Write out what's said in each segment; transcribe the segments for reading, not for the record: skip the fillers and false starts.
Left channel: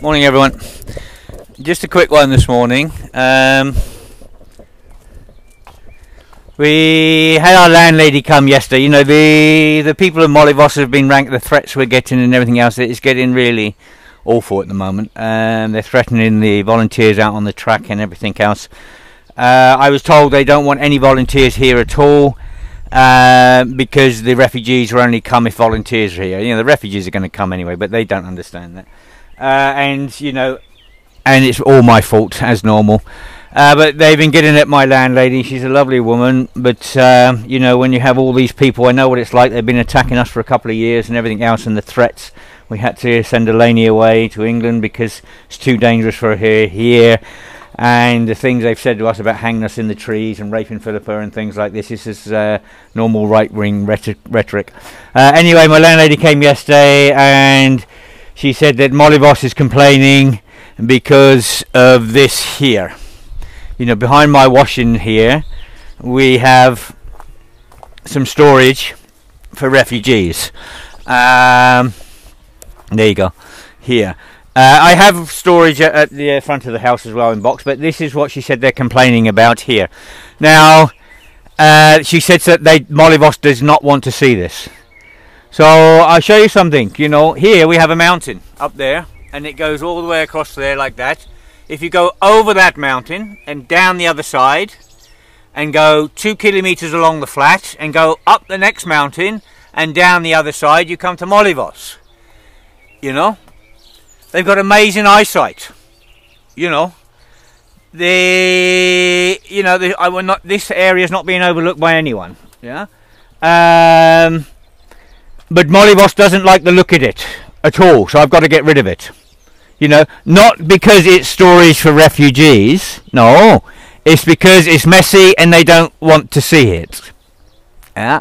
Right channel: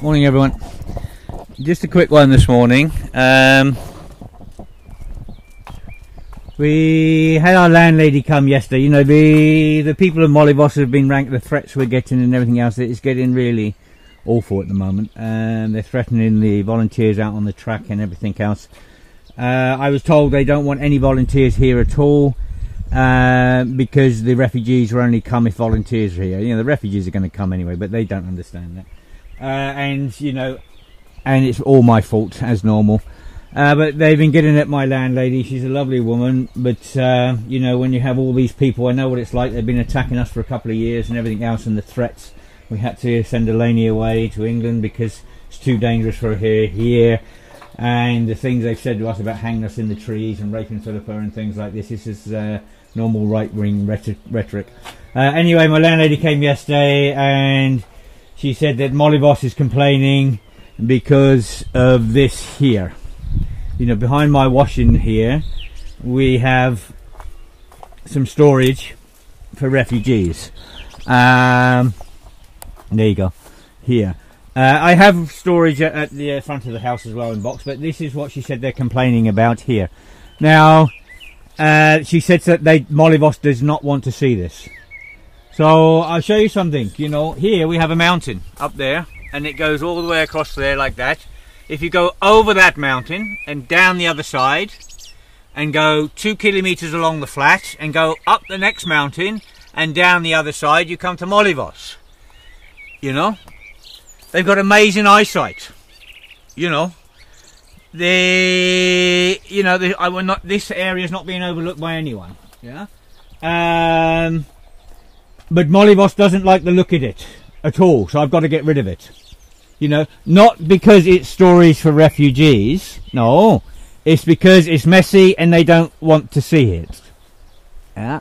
Morning everyone. Just a quick one this morning. We had our landlady come yesterday. You know, the people of Mollyvoss have been ranked, the threats we're getting and everything else. It's getting really awful at the moment. They're threatening the volunteers out on the track and everything else. I was told they don't want any volunteers here at all because the refugees will only come if volunteers are here. You know, the refugees are going to come anyway, but they don't understand that. And you know, and it's all my fault as normal. But they've been getting at my landlady. She's a lovely woman, but you know, when you have all these people, I know what it's like. They've been attacking us for a couple of years and everything else, and the threats. We had to send Eleni away to England because it's too dangerous for her here. And the things they've said to us about hanging us in the trees and raping Philippa and things like this. This is normal right-wing rhetoric. Anyway, my landlady came yesterday and she said that Mollyvoss is complaining because of this here. You know, behind my washing here, we have some storage for refugees. There you go, here. I have storage at the front of the house as well in box, but this is what she said they're complaining about here. Now, she said that Mollyvoss does not want to see this. So I'll show you something. You know, here we have a mountain up there, and it goes all the way across there like that. If you go over that mountain and down the other side, and go 2 kilometers along the flat, and go up the next mountain and down the other side, you come to Mollyvoss. You know, they've got amazing eyesight. You know, this area is not being overlooked by anyone. Yeah. But Mollyvoss doesn't like the look at it at all, so I've got to get rid of it. You know, not because it's storage for refugees, no, it's because it's messy and they don't want to see it. Yeah.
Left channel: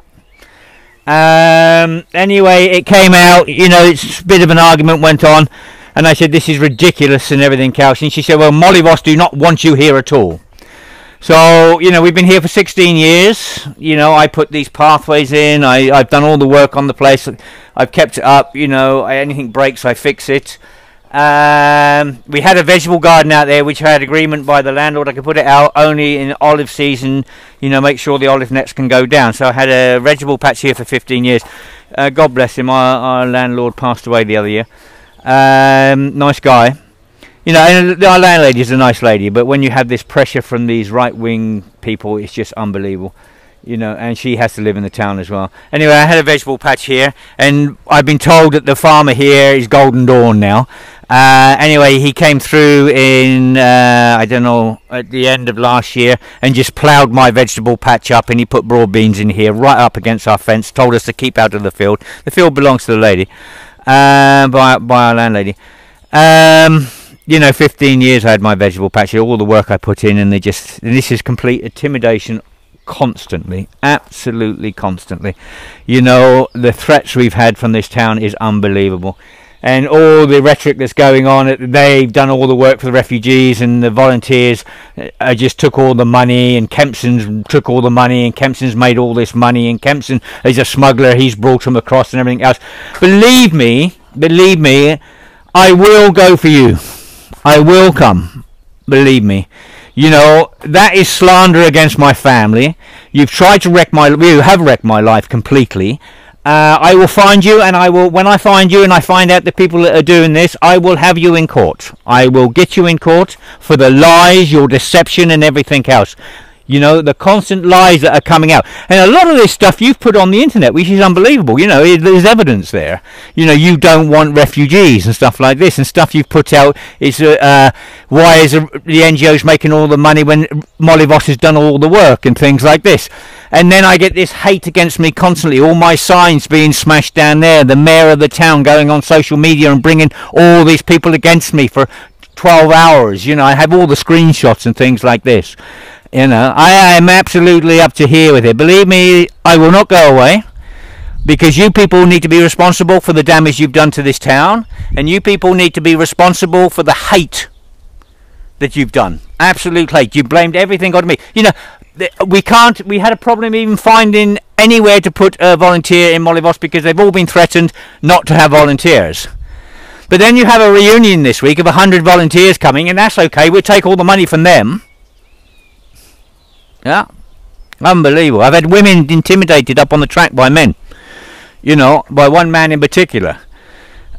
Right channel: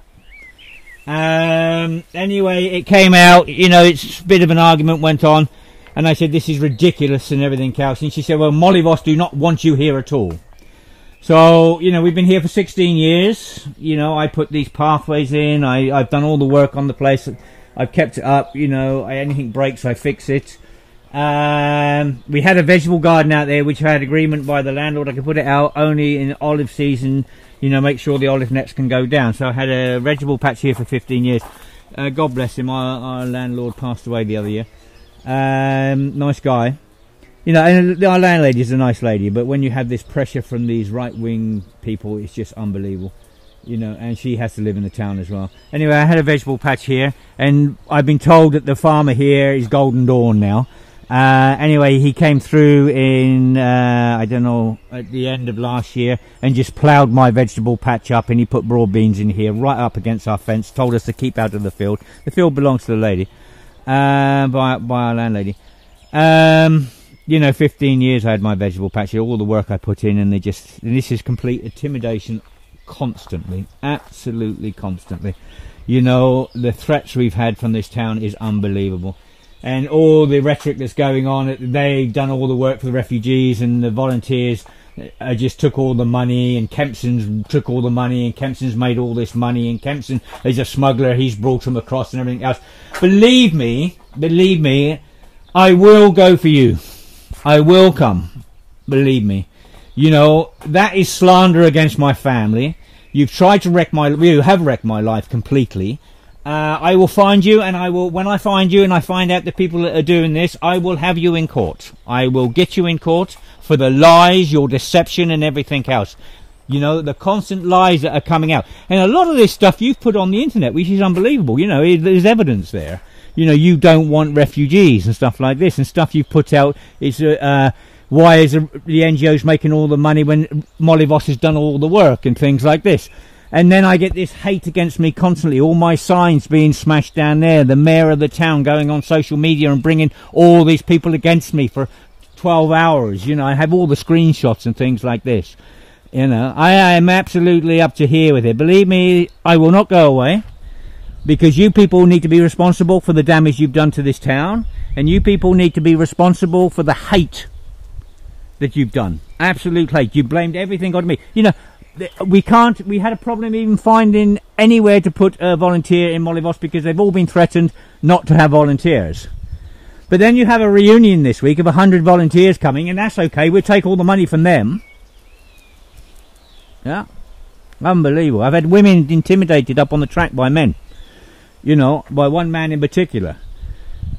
Anyway, it came out, you know, it's a bit of an argument went on, and I said this is ridiculous and everything else, and she said, well, Mollyvoss do not want you here at all. So, you know, we've been here for 16 years. You know, I put these pathways in. I've done all the work on the place. I've kept it up. You know, anything breaks, I fix it. We had a vegetable garden out there, which I had agreement by the landlord. I could put it out only in olive season, you know, make sure the olive nets can go down. So I had a vegetable patch here for 15 years. God bless him. Our landlord passed away the other year. Nice guy. You know, and our landlady is a nice lady, but when you have this pressure from these right-wing people, it's just unbelievable. You know, and she has to live in the town as well. Anyway, I had a vegetable patch here, and I've been told that the farmer here is Golden Dawn now. Anyway, he came through in, I don't know, at the end of last year, and just ploughed my vegetable patch up, and he put broad beans in here, right up against our fence, told us to keep out of the field. The field belongs to the lady, by our landlady. You know, 15 years I had my vegetable patch here, all the work I put in, and this is complete intimidation constantly, absolutely constantly. You know, the threats we've had from this town is unbelievable. And all the rhetoric that's going on, they've done all the work for the refugees, and the volunteers just took all the money, and Kempson's took all the money, and Kempson's made all this money, and Kempson is a smuggler, he's brought them across and everything else. Believe me, I will go for you. I will come, believe me. You know, that is slander against my family. You've tried to you have wrecked my life completely. I will find you, and when I find you and I find out the people that are doing this, I will have you in court. I will get you in court for the lies, your deception and everything else. You know, the constant lies that are coming out. And a lot of this stuff you've put on the internet, which is unbelievable. You know, there's evidence there. You know, you don't want refugees and stuff like this. And stuff you've put out is, why is the NGOs making all the money when Mollyvoss has done all the work and things like this. And then I get this hate against me constantly. All my signs being smashed down there. The mayor of the town going on social media and bringing all these people against me for 12 hours. You know, I have all the screenshots and things like this. You know, I am absolutely up to here with it. Believe me, I will not go away, because you people need to be responsible for the damage you've done to this town, and you people need to be responsible for the hate that you've done. Absolute hate. You blamed everything on me. You know, we had a problem even finding anywhere to put a volunteer in Mollyvoss because they've all been threatened not to have volunteers. But then you have a reunion this week of 100 volunteers coming, and that's okay. We'll take all the money from them. Yeah. Unbelievable. I've had women intimidated up on the track by men. You know, by one man in particular.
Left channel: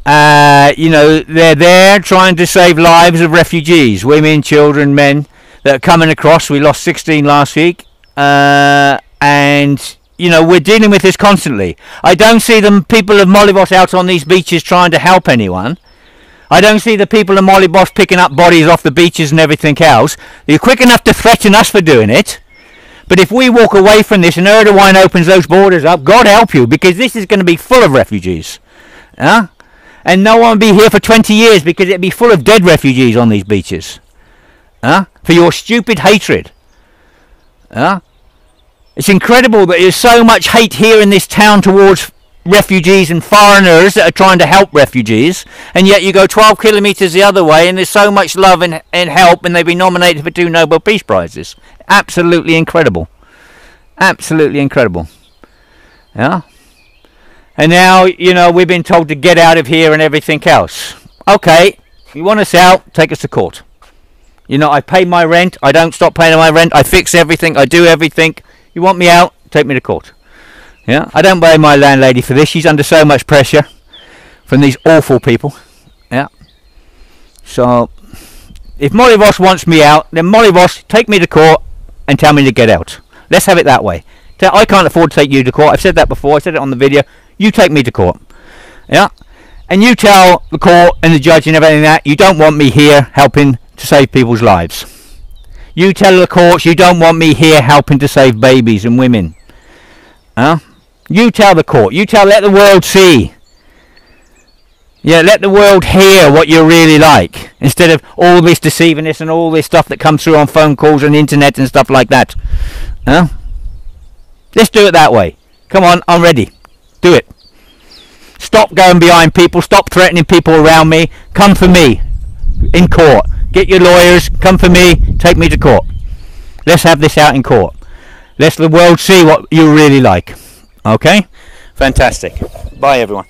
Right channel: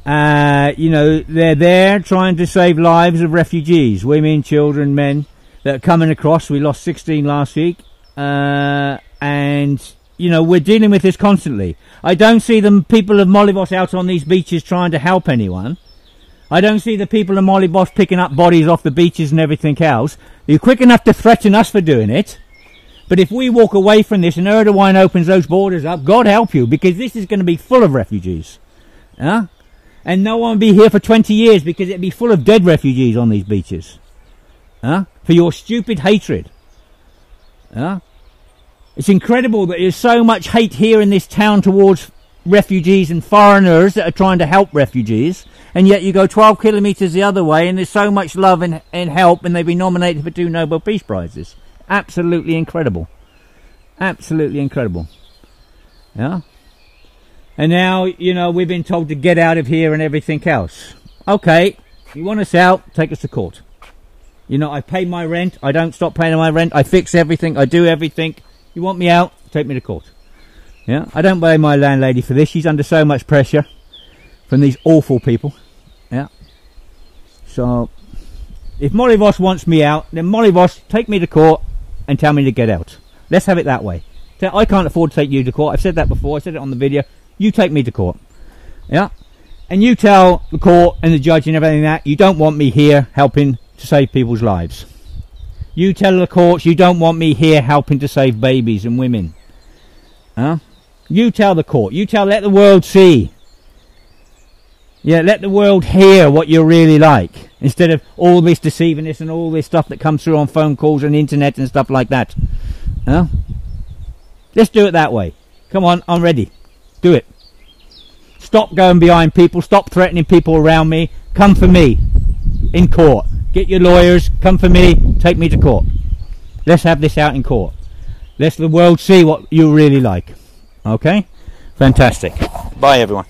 You know, they're there trying to save lives of refugees. Women, children, men that are coming across. We lost 16 last week. And, you know, we're dealing with this constantly. I don't see the people of Molivos out on these beaches trying to help anyone. I don't see the people of Molivos picking up bodies off the beaches and everything else. They're quick enough to threaten us for doing it. But if we walk away from this and Erdogan opens those borders up, God help you, because this is going to be full of refugees. And no one will be here for 20 years because it'll be full of dead refugees on these beaches. For your stupid hatred. It's incredible that there's so much hate here in this town towards refugees and foreigners that are trying to help refugees, and yet you go 12 kilometres the other way and there's so much love and help, and they've been nominated for 2 Nobel Peace Prizes. Absolutely incredible. Absolutely incredible. Yeah. And now, you know, we've been told to get out of here and everything else. Okay, you want us out, take us to court. You know, I pay my rent, I don't stop paying my rent, I fix everything, I do everything. You want me out, take me to court. Yeah, I don't blame my landlady for this. She's under so much pressure from these awful people. Yeah. So, if Molivos wants me out, then Molivos, take me to court and tell me to get out. Let's have it that way. I can't afford to take you to court. I've said that before. I said it on the video. You take me to court. Yeah. And you tell the court and the judge and everything that you don't want me here helping to save people's lives. You tell the courts you don't want me here helping to save babies and women. You tell the court. You let the world see. Yeah, let the world hear what you're really like. Instead of all this deceivingness and all this stuff that comes through on phone calls and internet and stuff like that. Let's do it that way. Come on, I'm ready. Do it. Stop going behind people. Stop threatening people around me. Come for me in court. Get your lawyers. Come for me. Take me to court. Let's have this out in court. Let the world see what you're really like. Okay? Fantastic. Bye, everyone.